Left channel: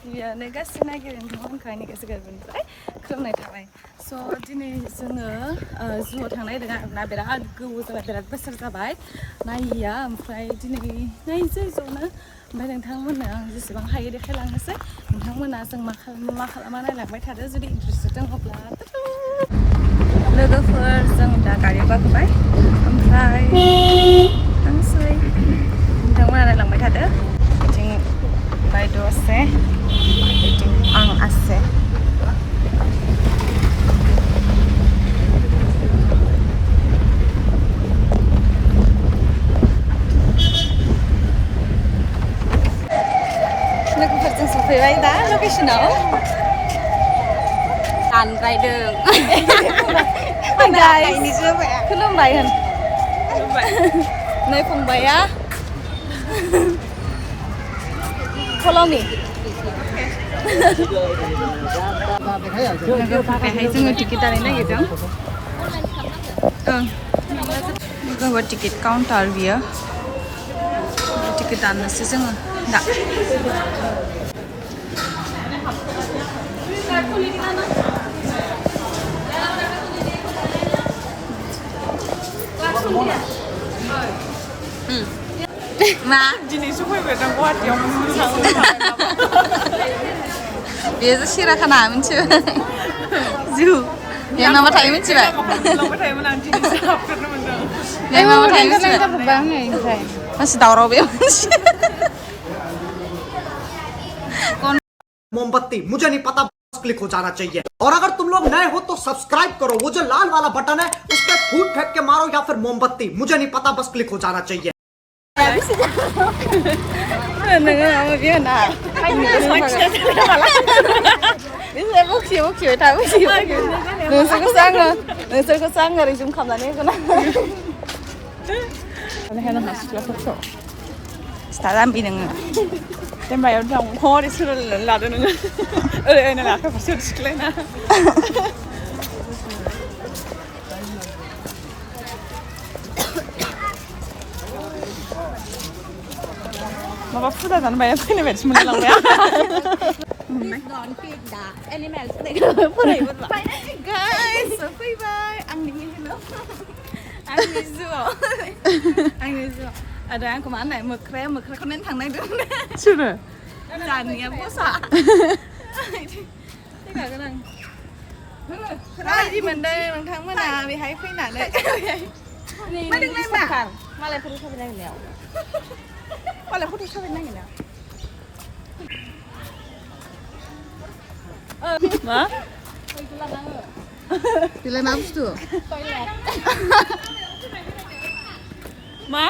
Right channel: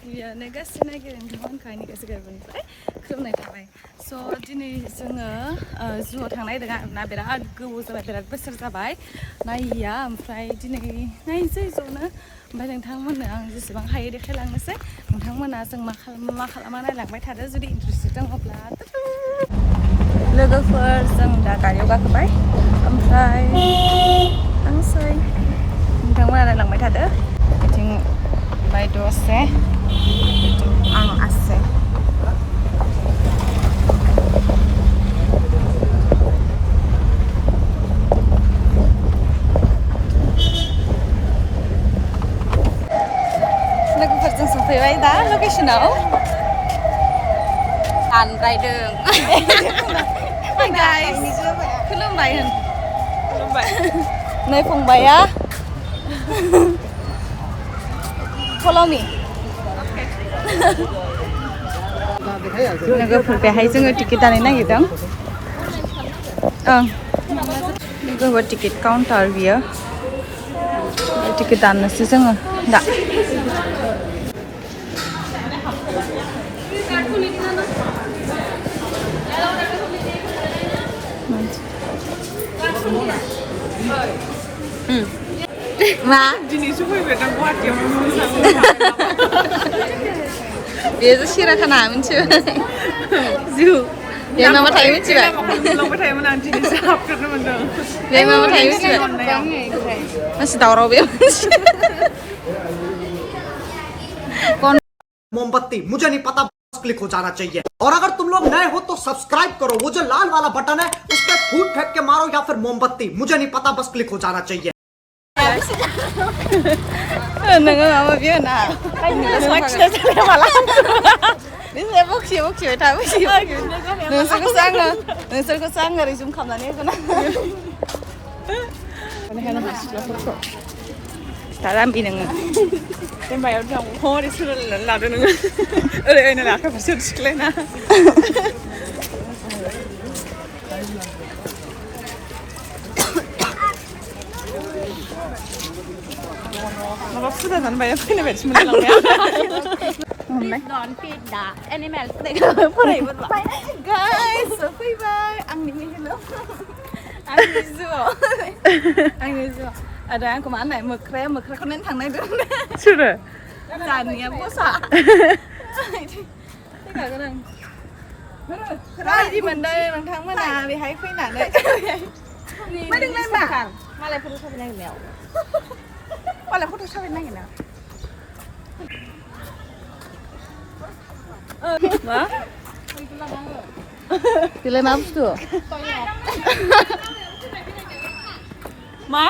गिबियावनो गासै नागिरनो नोंथांमोनखौ गोसो गोरबोनिफ्राय खुलुमनाय थाबाय स' दिनै जोङो जुआव थांनो नागिरदों आरोना बिराद गोबाव जाबाय बिराद बोसोर जाबाय नायिया ओमफ्राय दिनै नायनोसै ज'नो ओमफ्राय नोंथांमोननो आं जेसेबां हायो देखायलांनोसै नोंथांमोना जों मा खालामा नायलांबाय थादो जुदि इन्टारेस्टेड दङब्ला लोगोफोर जों दा गारियाव गाखोबाय ओमफ्राय थांसै नोंथांमोना नायलांबाय थादो बिथिं बायद' আছে बिथिं आं আছে लोगोफोरजों सफैबाय दा लकेसनाव आनद्रायदों हाय गाइस खुलुमबाय होन नै फंबाया follow me लोगोफोर बेहाय जोङो टिकेट दाननो नागिरदों लोगोफोर टिकेट काउन्टार बियो टिकेट दाननोसै जोङो दा मा दिनैसो फैबाय दा गुवाहाटियावनो मोजां बेयो सिराखाना मिथिबाय जु बे मा थायो मिथिबाय लांबाय थायोमोन आं दिनैसो हाबफेरनो मोनदों बे मा थायो मिथिबाय मानसि दावराव बे मोमबत्ती मुझे नहीं पता बस क्लिक हो जाना चाहिए और अगर तुम लोग नए हो तो सब्सक्राइब करो वो जो लाल वाला बटन है उस पर फूट फेंक के मारो या फिर मोमबत्ती मुझे नहीं पता बस क्लिक हो जाना चाहिए नोङो माबा बियो ना बिसोर बखिबाय था नोंसोरखौसो आङो रिजुम खालामनानै होगोन सिथा जाम्बि नोङो दैमायाव थांबा हरै सोलोंनानै लादो नोङो ओरै ओरै आखाइ फारसे थिखलायना माबा फुजा जानो बाया फैनाय बायदि मोनलांबाय गाइस फैबाय आंनि हेलौ आंनि जुआव आरो आंखौ मा होननाय मोख्राखौ नायनो थांनो नागिरदों सोरो दानिया बसा फैखागोन आं रायदि मोनदों नोंथांमोना बेहाय फैनानै मादोंलाय मा मालायफोर साबि नागिरनायाव मालायफोर साबि नागिरना मा बेलाय मा बुस्थु मा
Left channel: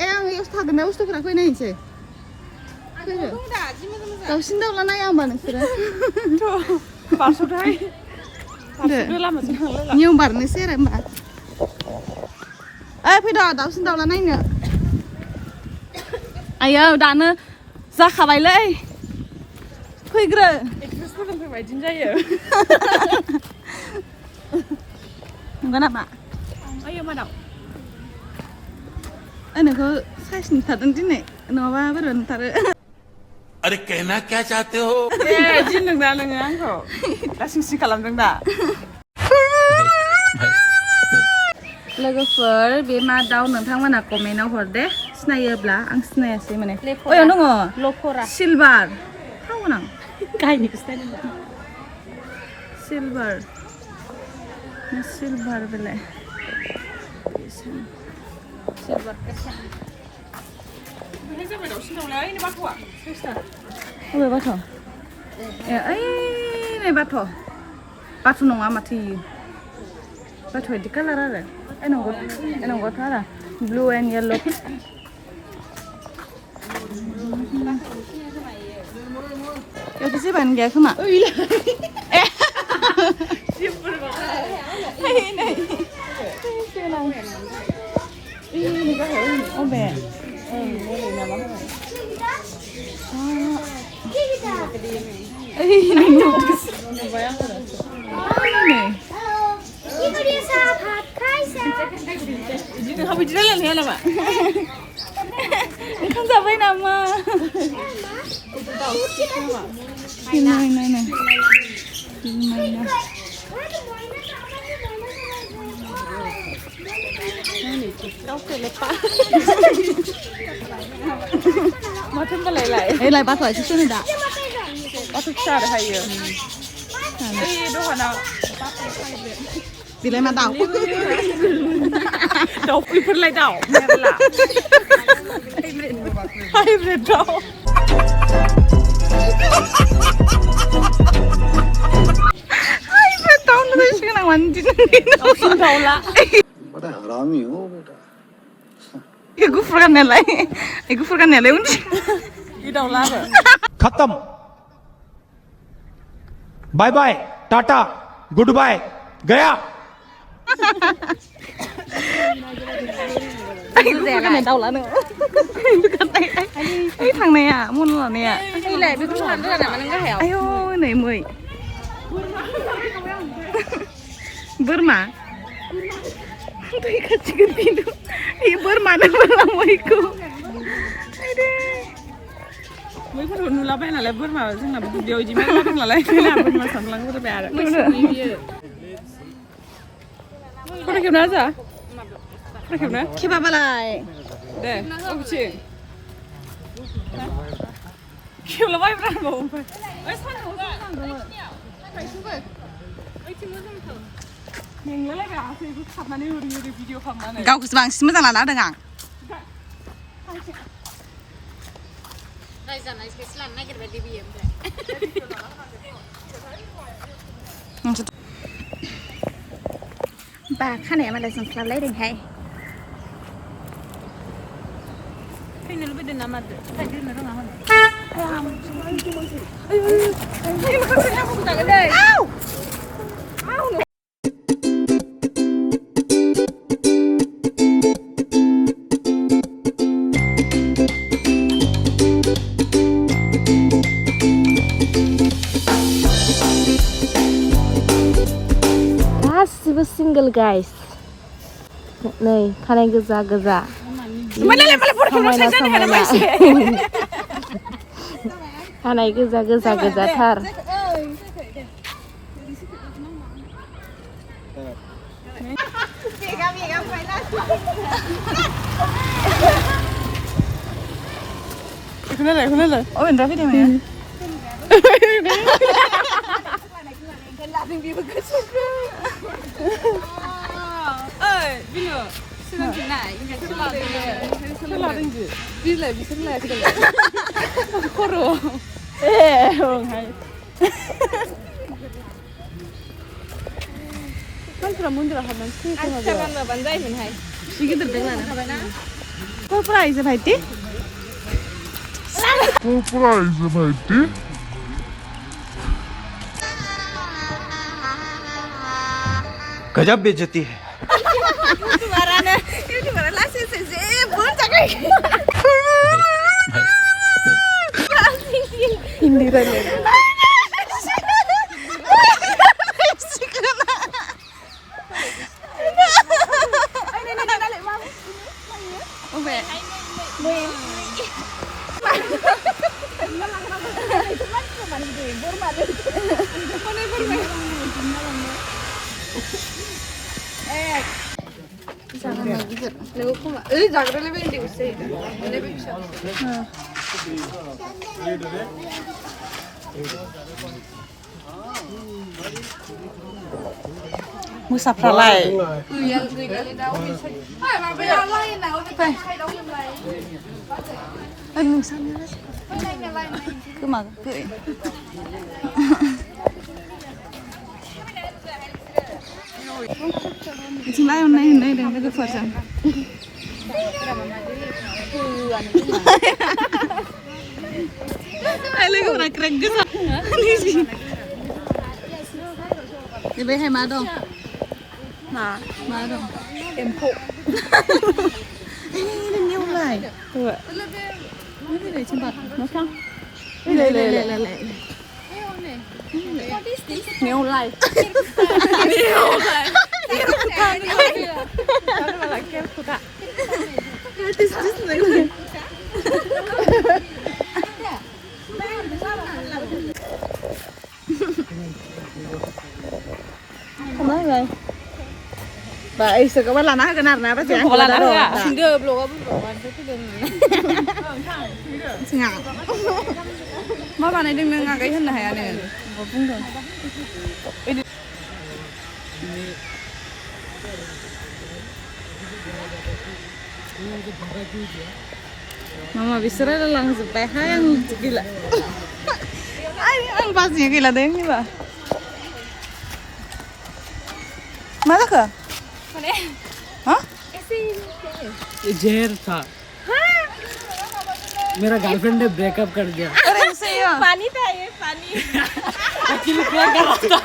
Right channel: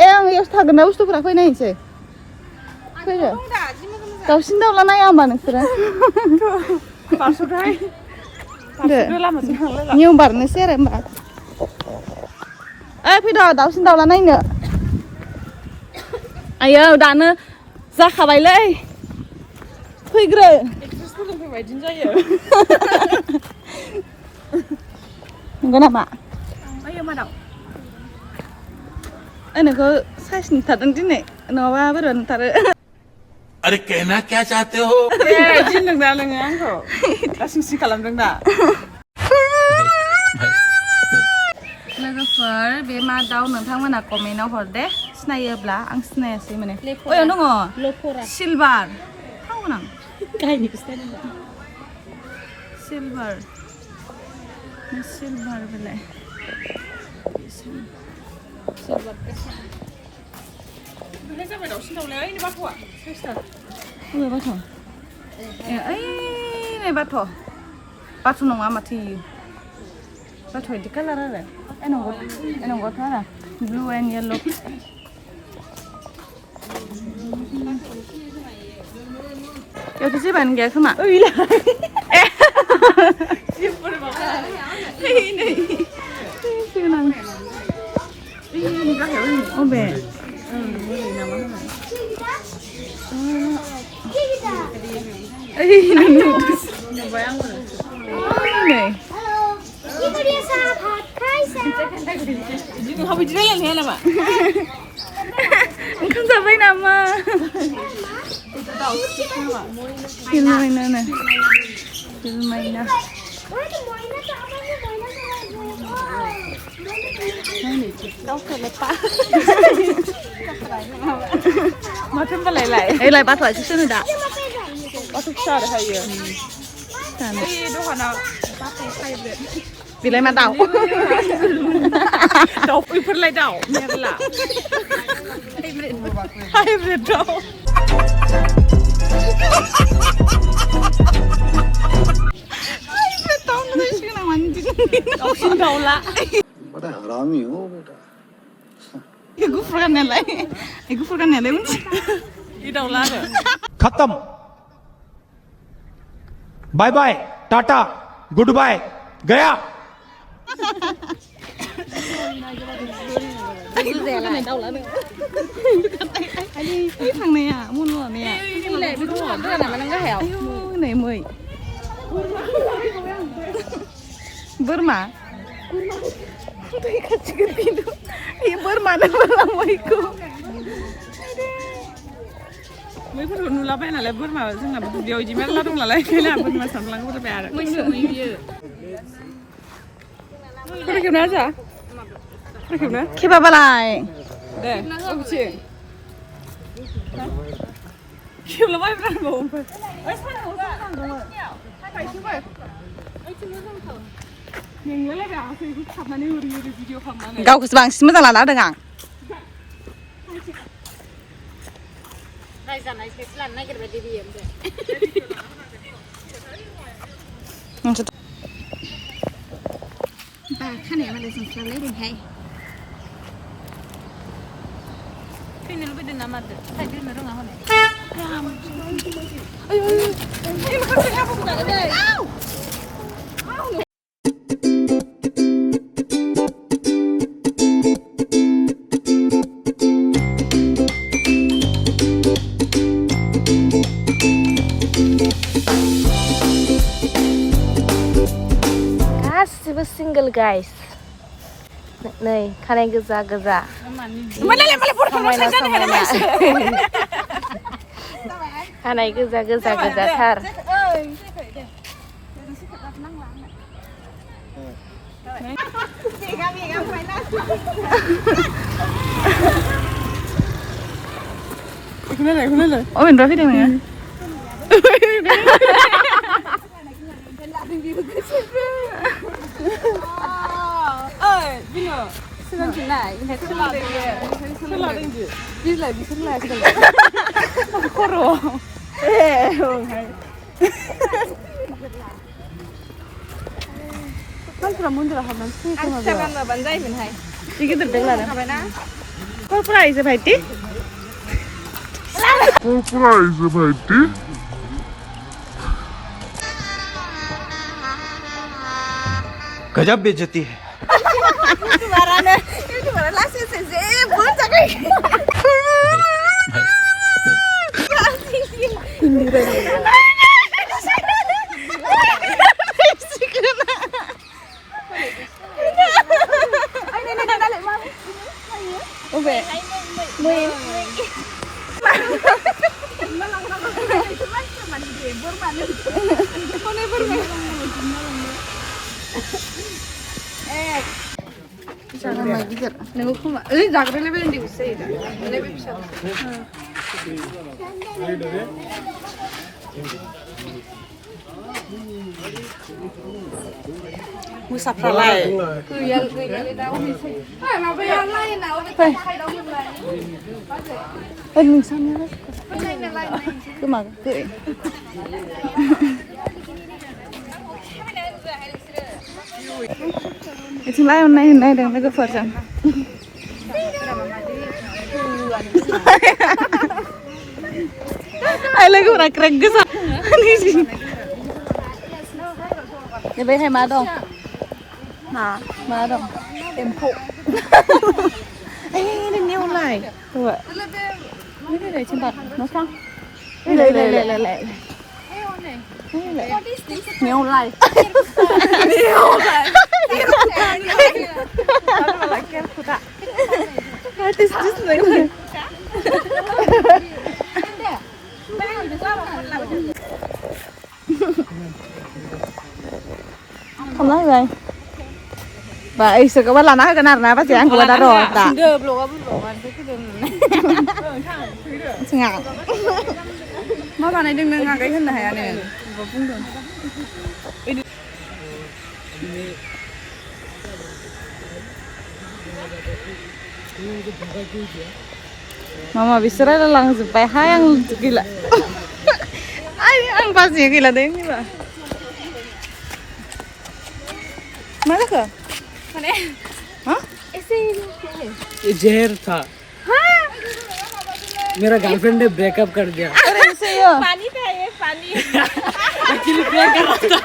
आं एस थागोन ना बुस्थुफोरा फैनायनोसै फैदो दाउसिन दाउला नाया होमबा नोंसोरो बारस'थाय नियम बारनोसै आरो होमबा फैद' दाउसिन दाउला नायनो आयो दानो जाखाबायलै फैग्रो बिदिनो जायो नंगौ नामा आयो मा दाउ नोंखौ साइज नुथारदों दिनै नङाबा बोरैबा नुथारो अरे कहना क्या चाहते हो थिनदों दा नोङो आंखौ दा सिं खालामदों दा लोगोफोर बे मा दाउ नोंथांमोना कमेन्टआव हर दे सिनायोब्ला आं सिनायासै माने ओयाव दङ लखरा सिलभार थावगोन आं गायनिखौ सिनायदों सिलभार बेलाय सिलभार बेलाय जाबाय दाउसिन दाउलाया ओइ बाथ'आ सेस्टार अबे बाथ' ओइ नै बाथ' नङा माथो इयो बाथ' बिदि कालार आरो नंगौथ' आरो ब्लु एन्ड येल्ल' बेयावथ' जेबोआनो गैया खोमा अबे नोंहा बिदि रायलायनो हाया नामा ओंखाम जाबाय नामा Filmaina. Filmaina. Ê lại bắt lại chút nữa đã. Bắt chút xa để hay nhiều. Vì lấy mà đau. Đau ui phân lại đau. Hai vệt đau. Hai vệt đau nó thấy là 완전 đau xin đau lạ. बड़ा हरामी हो बेटा 이거 풀어간nel라. 이거 풀어간nel라 운지. 이 đau lạ rồi. खत्म bye bye tata good bye गया cái này đau lắm nữa. Cái thằng này à, muốn là này à. Cái này bị rút hẳn rất là mà nó cái hẻo. Ai ôi, này 10. Burma. Tôi cắt chicken tin. Ini Burma này Burma muiku. Mới có thằng nula bên là Burma,ซึ่งlà điều gì mà nó là lấy cái là Burma sẵn lắng có thể bẻ được. Cái kiểu nào vậy? Cái kiểu nào? Khi bà lại. Đây, ok chị. Kiểu là bay ra bụng phải. Gạo cái bang xí mới là lá được à? Bà khá này mà lại xong làm lấy đừng hay. Cái này nó biết đừng làm mà phải cái này nó làm này. Ây mà không thể làm không cả cái này. Ao. Ao. Single guys. Này, khăn anh gaza gaza. Mana pura pura saja nih kan mas. Khăn anh gaza gaza gaza thar. Khulai. Oh, bener video ya. Ơi, bây giờ xin chuyện này, xin lại đi lại bị xin lại rồi. Có rồi. Ê, hay. Không phải muốn được không mình xin cái nào. Chắc ăn rồi bạn dây mình hay. Đi cái được là nào. Full price phải tí. Full price phải tí. गजब बेइज्जती है Musaf lại. Phải. Mình sang nhá. Cứ mà cười. Chúng lại hôm nay đừng lấy cái phật rằng. Ai lấy cái này crack cái sao? Này gì? Để bây hay má đâu? Nào, má đâu? Em phụ. Ê, đừng nêu lại. Thôi. Cái này trên mặt nó phăng. Lệ. Nêu lại. What is this thing? Không nói rồi. Vậy sự các bạn là nói cái nào là bác sĩ ăn của bạn rồi ta. Ngạc. Mấy bạn này đừng ngạc cái thân này này. Mama bisa ada langsung PH yang gila. Ang pasti gila deh ini bah. Mana ke? Mana? Hah? ये जहर था मेरा girlfriend ने breakup कर दिया अरे सही हो पानी था ये पानी एक्चुअली क्या कर रहा था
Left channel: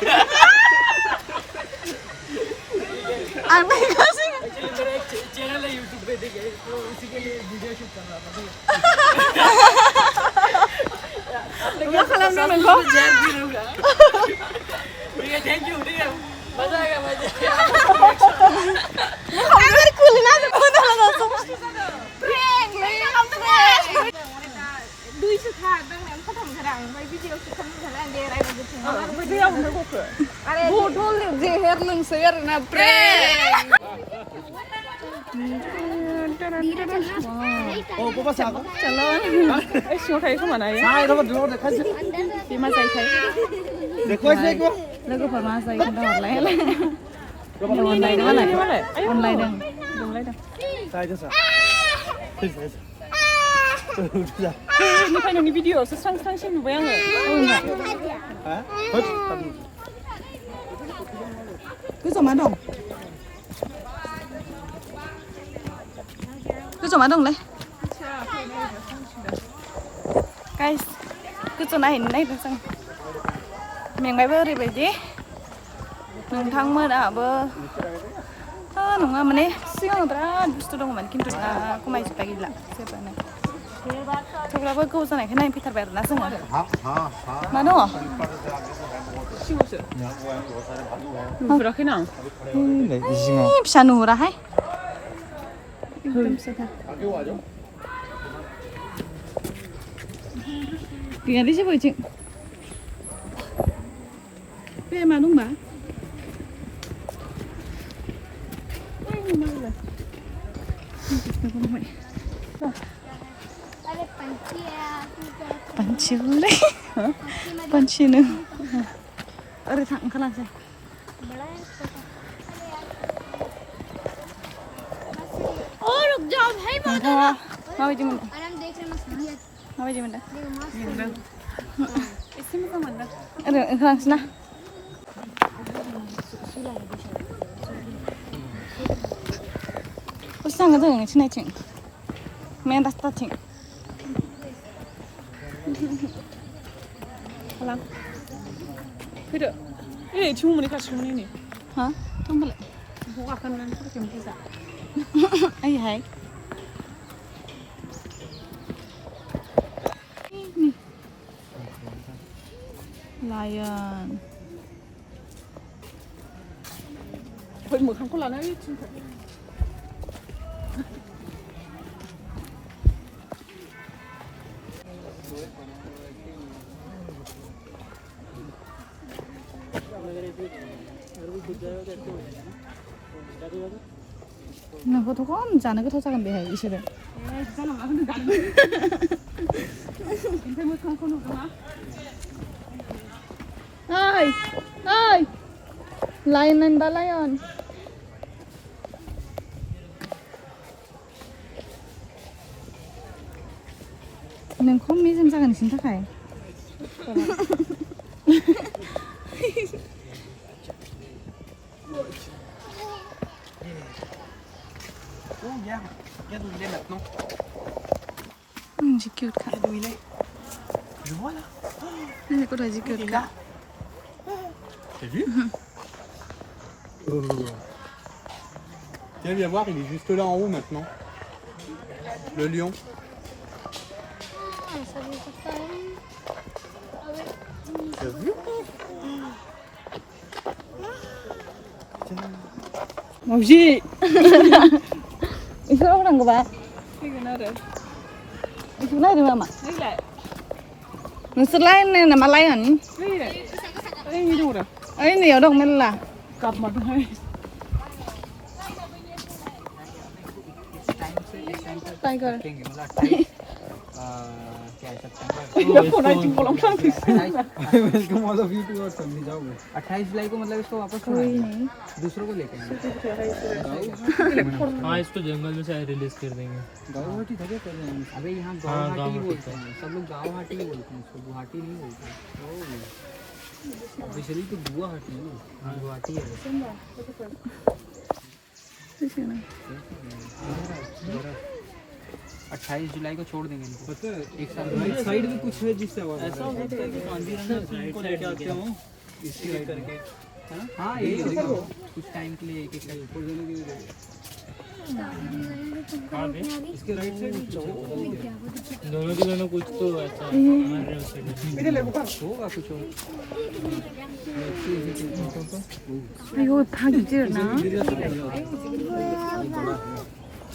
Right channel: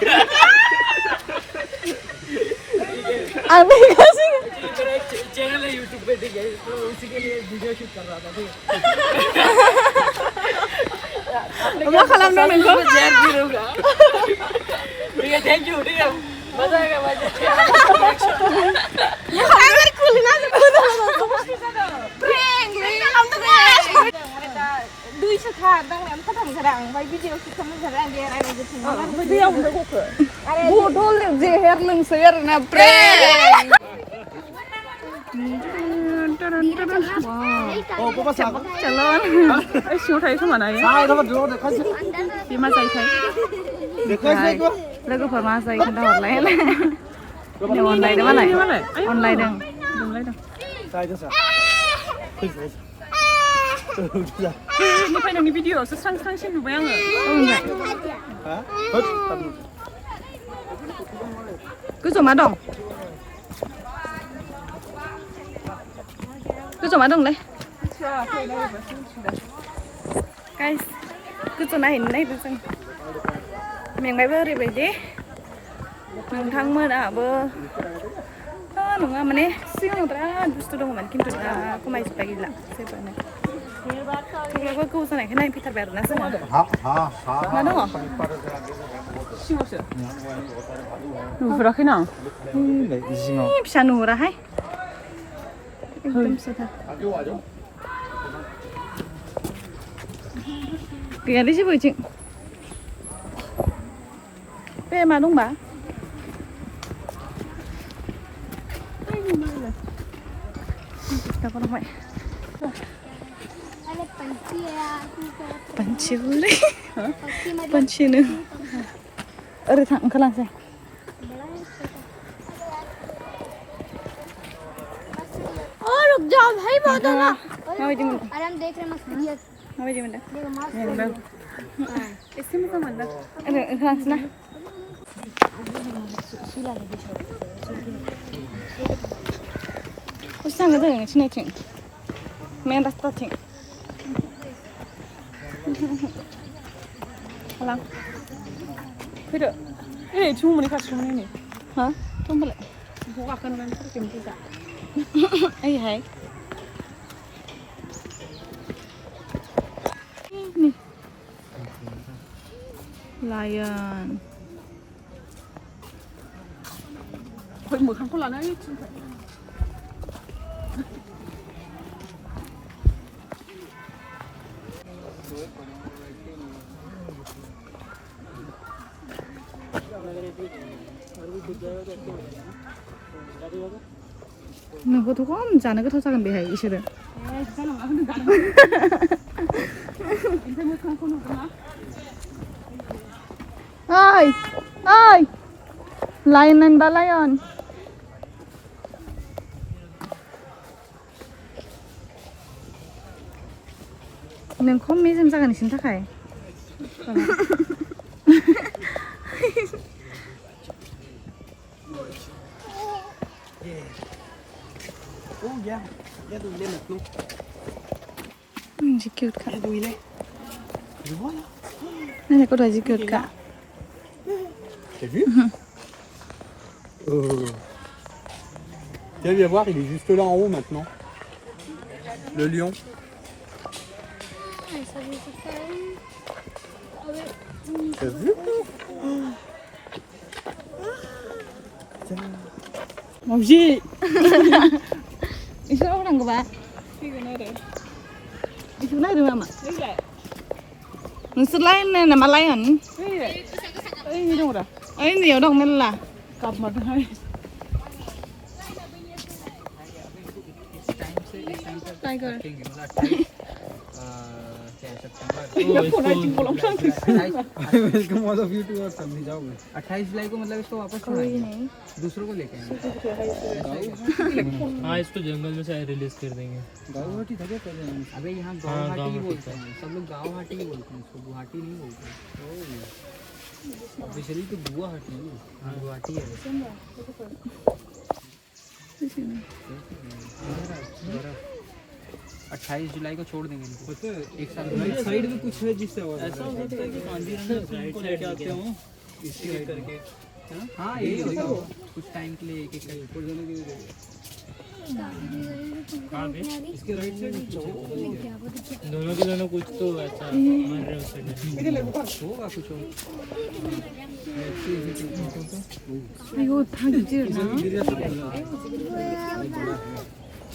अब नहीं कैसे मेरा एक चैनल है यूट्यूब पे ठीक है तो उसी के लिए वीडियो शूट कर रहा था ठीक है Mama kalau nonton kok जहर पीऊंगा ठीक है थैंक यू ठीक है मजा आएगा Agar kulina udah langsung prank kamu tuh duit sekarang yang kadang-kadang bayi video kita kadang dia ada gitu video bodoh leher lengser na prank चलो शूट है इसमें ना ये मजा है देखो लोगों पर मजा है kita online ini online mana online dong ini kan yang di video sesang-sang sih bayangin cứ dùng má đồng cứ dùng má đồng đấy guys cứ dùng này này là sang miền bay bơ đi vậy chứ miền thang mơ đã bơ nunggu mana nih siang terang justru dong man kintu aku masih pagi lah siapa nih coba aku ke sana kan Peter Berad nasi nggak ada mana dong berakhir nang ini bisa nurah hai एकदम सदा kìa đi chứ vừa chị về mà đúng bà kita kurang baik Ada panci ya juga. panci boleh panci nih ada thang kelas ya Oh, रुक जाओ भाई बहुत है ना। mau aja minta अरे हम देख रहे हैं मस्त वीडियो। mau aja minta ये yang baru इसमें क्या मानना ada kelas nah usah nggak tuh yang sini cing main tas tas cing 하랑 그래 이래 주문이 같이 주문이네 hả không phải 뭐가 끝난 그렇게 되자 ai hay lion 거의 뭐 한콜 안 하겠지 nó có thuốc không chả nó có thuốc sao cần bị hay chứ đấy 괜찮아 근데 나는 인터넷 컨코노구나 ơi ơi lion and the lion nên không mấy xem sao cái này chính thức hay Oh yeah, regarde où il est maintenant. J'ai cute cả. Regarde où il est. Je le vois là. Đây là có đôi gì cute cả. T'as vu Tiens, viens voir, il est juste là en haut maintenant. Le lion. T'as vu Một gì? Itu orang ke bawah? Itu nada. Itu nada mama. नोंसोर लायनाय नामा lion ओइ दङ रा ओइ नैयाव दं मेरला गाबमारदोंहाय tiger welcome all of you to और समझ जाओगे 28 जुलाई को मतलब इसको वापस छोड़ेंगे दूसरों को लेके आएंगे हाँ इसको जंगल में से रिलीज कर देंगे गाँव ठीक है कर रहे हैं अबे यहाँ गुवाहाटी ही बोलते हैं सब लोग गुवाहाटी ही बोलते हैं इसको गुवाहाटी नहीं बोलते ऑफिशियली तो गुवाहाटी है हाँ गुवाहाटी है 28 जुलाई को छोड़ देंगे इनको पता है एक साल राइट साइड में कुछ है जिससे आवाज ऐसा हो सकता है कि कांजीरंगा साइड को लेके आते हो इसी साइड करके हाँ यही होगा कुछ टाइम के लिए एक एक ऊपर जाने के लिए इसके राइट साइड दोनों के दोनों कुछ तो ऐसा मार रहे हो होगा कुछ और अयो इतना गिर ना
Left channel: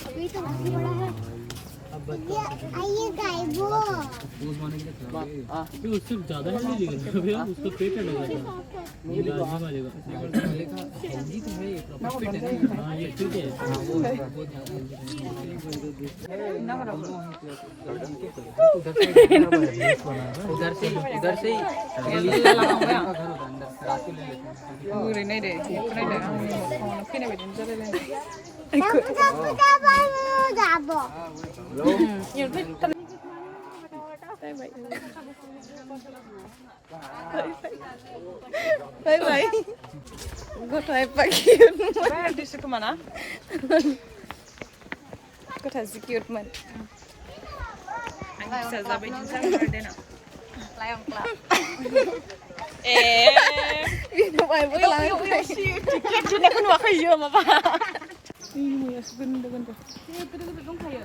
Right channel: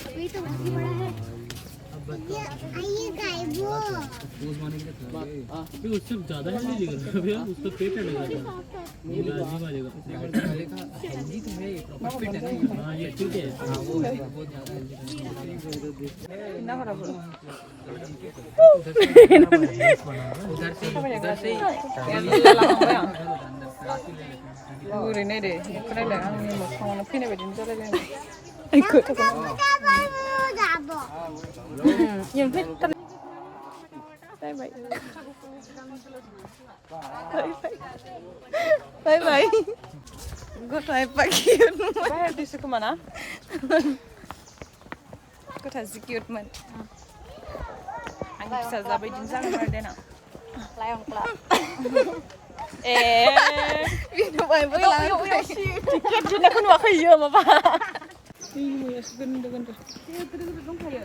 अभी तो बाकी बड़ा है आइए गाइबो पोज मारने के लिए फिर उससे ज़्यादा हेल्दी निकलता है भैया उसका पेट हटेगा ये लाजमी मारेगा पहले का हेल्दी तो है ये प्रॉपर फिट है ना हाँ ये ठीक है वो बहुत ज़्यादा उधर से रात को ले लेते हैं ओरै नायदो बेखौ नायदो आंनि न'आवनो फैनाय बायदि जालायलायनाय जाबो बाय बाय गथाय पाकिट दिसो खोमा ना गथा जि किउटमोन आंनि फिसाज्ला बायदिनो जागोन देना बिनो बायबो लानानै टिकेटखौनो नुवाखै इयो माबा दंखायो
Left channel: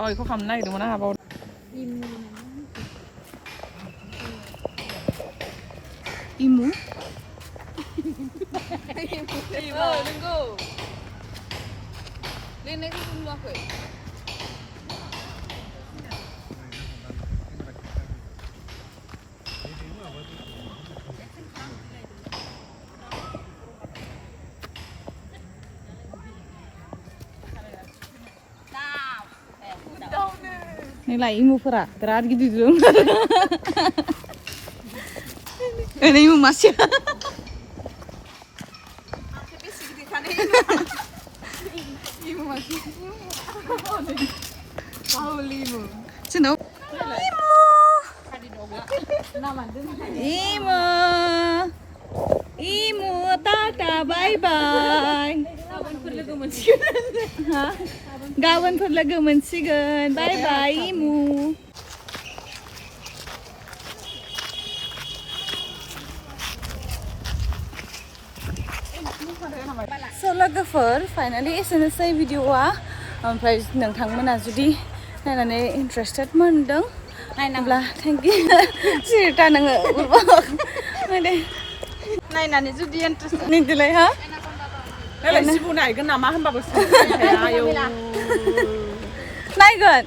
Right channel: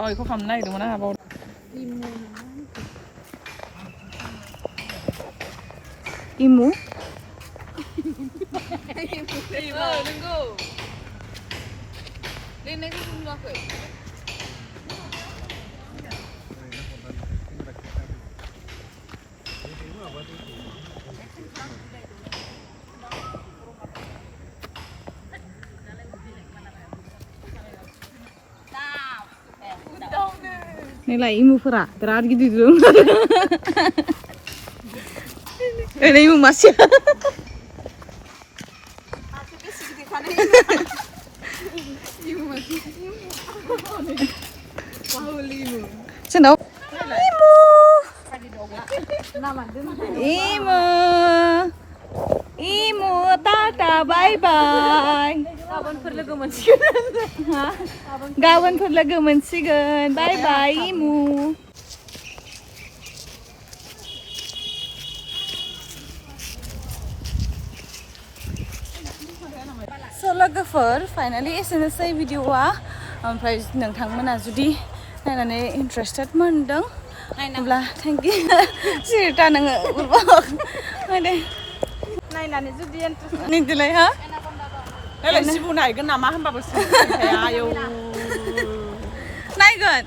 ओइ बेखौ खालामनो नागिरदोंमोन आंहा बाव इमु नंगौ लिरनायखौ नुवाखै नैलाय इमुफोरा बिराद गिदिर दं ओरै इमु मासे जोंनाव इमु इमु इमु टाटा बाय बाय गाबोनफोर लोगो मोनसिगोन गाबोनफोर लोगो मोनसिगोन बाय बाय इमु स' लोगोफोर फाइनालि एसेनोसै भिडिअआ ओमफ्राय नोंथांमोना जुदि नायनानै इन्टारेस्टेड मोनदों अब्ला थेंक इउ सिरिथा नोङो उरबाव दे नायनानै जुदि इन्ट्रेस्ट निदिलाय हा नायलाय सिबु नायगोन नामा होनबाबो आयौ नायगोन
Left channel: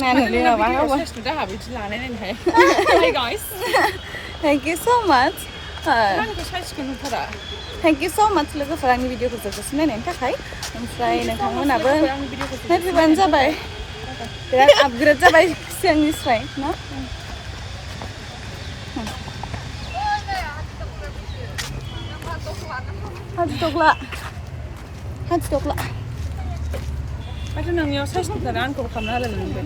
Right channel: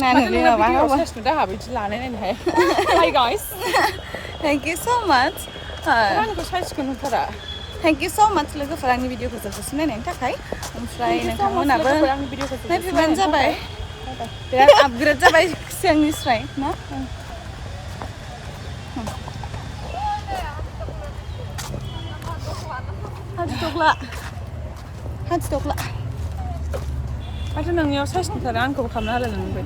नायनानै माबा माबा गाहा बिदि लानाय नायनो हाया हाय गाइस थेंक इउ स' माच आंखौ साइजखौ नुथारा थेंक इउ स' माच लोगोफोर आंनि भिडिअखौ जोबजासिम नायनायनि थाखाय ओमफ्राय नोंथांमोनाबो नायफैबानो जाबाय बिराद आपग्रेड जाबाय सिगांनिफ्राय न हाथिदग्ला हाथिदग्ला माथो नोंनियाव साइज नुथारा आंखौबो खालामना होलाय नोंनिफ्राय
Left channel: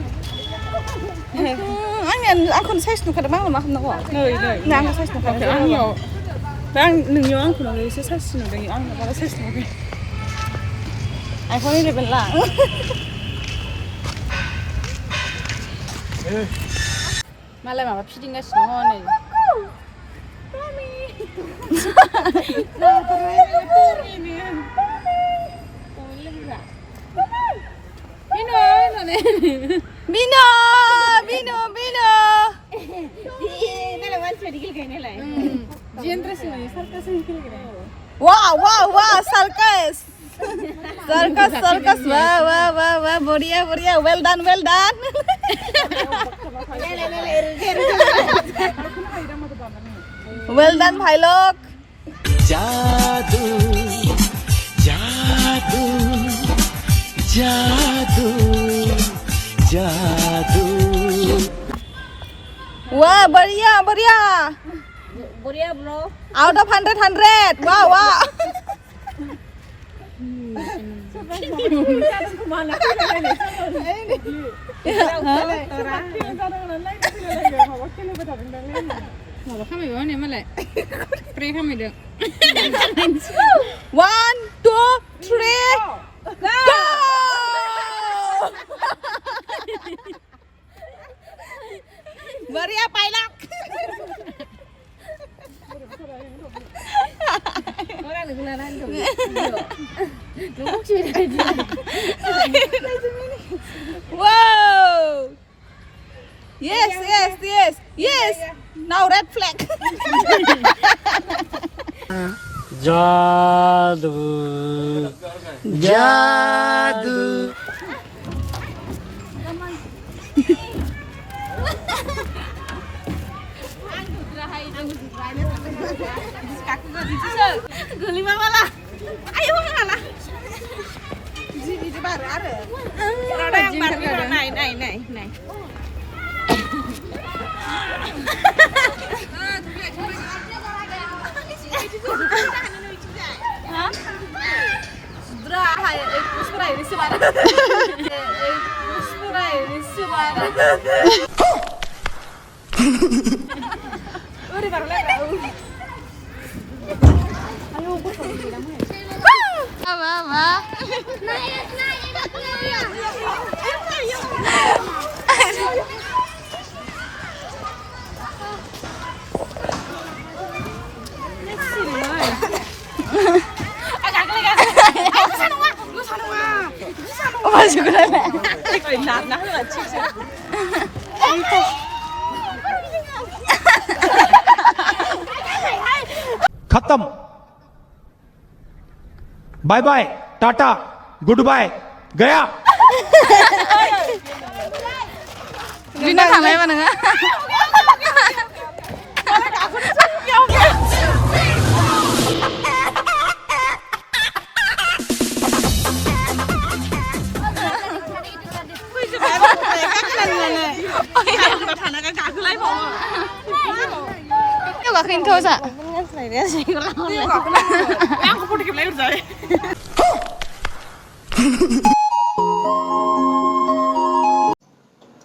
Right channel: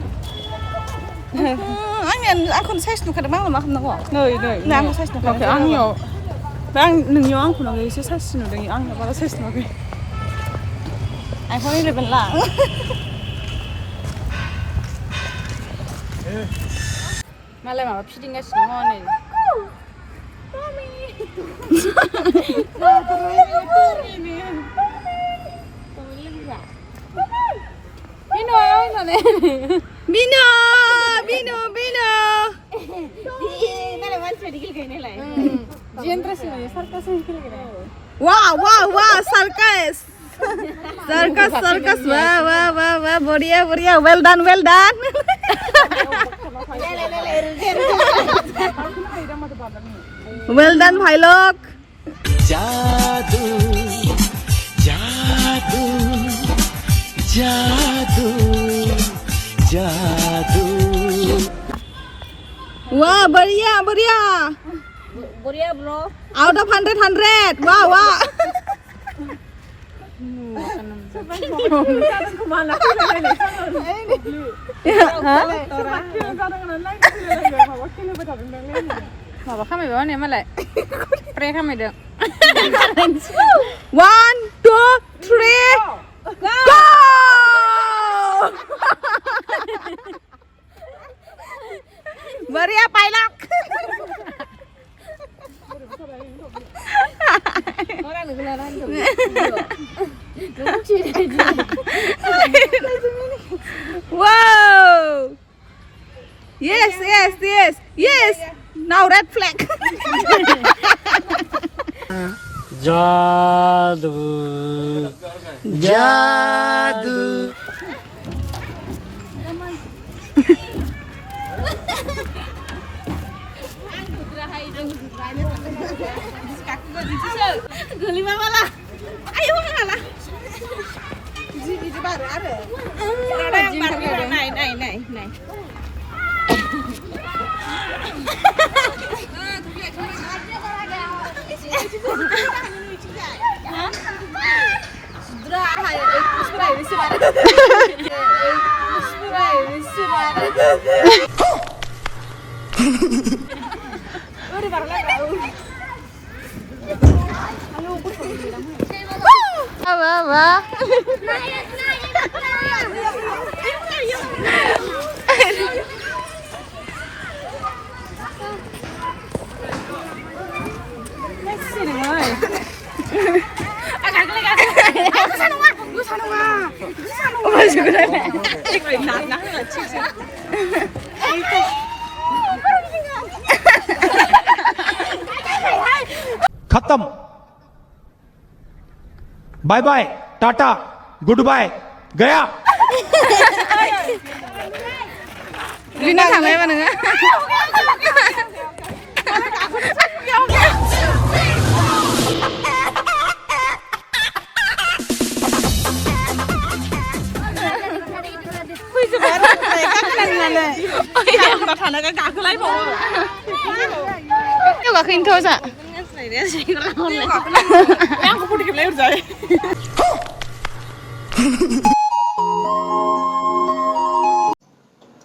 आंखौनो साइज नुखादों आंनो मा खालामनांगौ नै आंनो साइज नुखादों आंनियाव नोंनियाव आंखौ नुवाखै एसे साइज नुदों आंनाव बारा साइज नुवाखै आइफन 11 ला मालाय माबा फिदिंगासिनो दङ नै Pino! Bino, Bino, Bino. Nala one side gil nala. Wow, wow, wow, circus. Circus, circus. Wow, wow, wow, wow. बढ़िया, बढ़िया. Well done, well done. Well done, भाई लोग. जादू जादू जादू जादू Wah, बढ़िया, बढ़िया. Boria bro. Out of 100. Wow, wow. Mau bakal mau nih malah. Pernah kami dong. 1, 2, 3. Go! बढ़िया pilot. Orang negara itu. Wow. Yes, yes, yes, yes. Now red flag. जादू जादू Geli mama lah. Ayo ngalah. Ji baru ada. Ada yang baru naik. Hah? Sudah, sudah ini sebarang. Sudah ini sebarang. Udah baru lagi. Apa? खत्म bye bye tata good bye गया Rina थांलाय मा नोङो गाखोनोथ' जा Aku pun dikeplayur saya.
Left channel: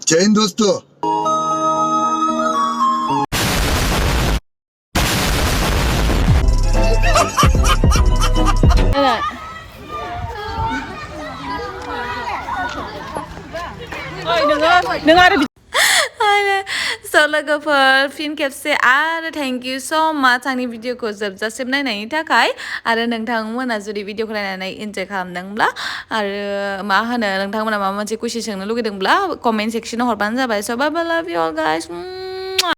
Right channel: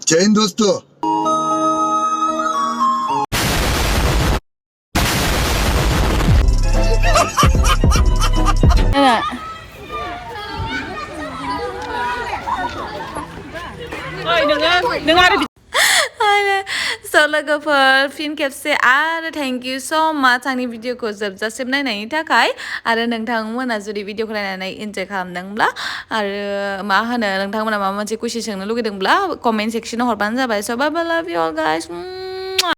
जय हिंद दोस्तों So logoफोर fin खेबसे आरो थेंक यू सो माच आंनि भिडिअखौ जोबजासिम नायनायनि थाखाय आरो नोंथांमोना जुदि भिडिअखौ नायनानै इन्जय खालामदोंब्ला आरो मा होनो नोंथांमोना माबा मोनसे कुइसन सोंनो लुगैदोंब्ला कमेन्ट सेक्सनाव हरबानो जाबाय। So bye bye, love you all guys.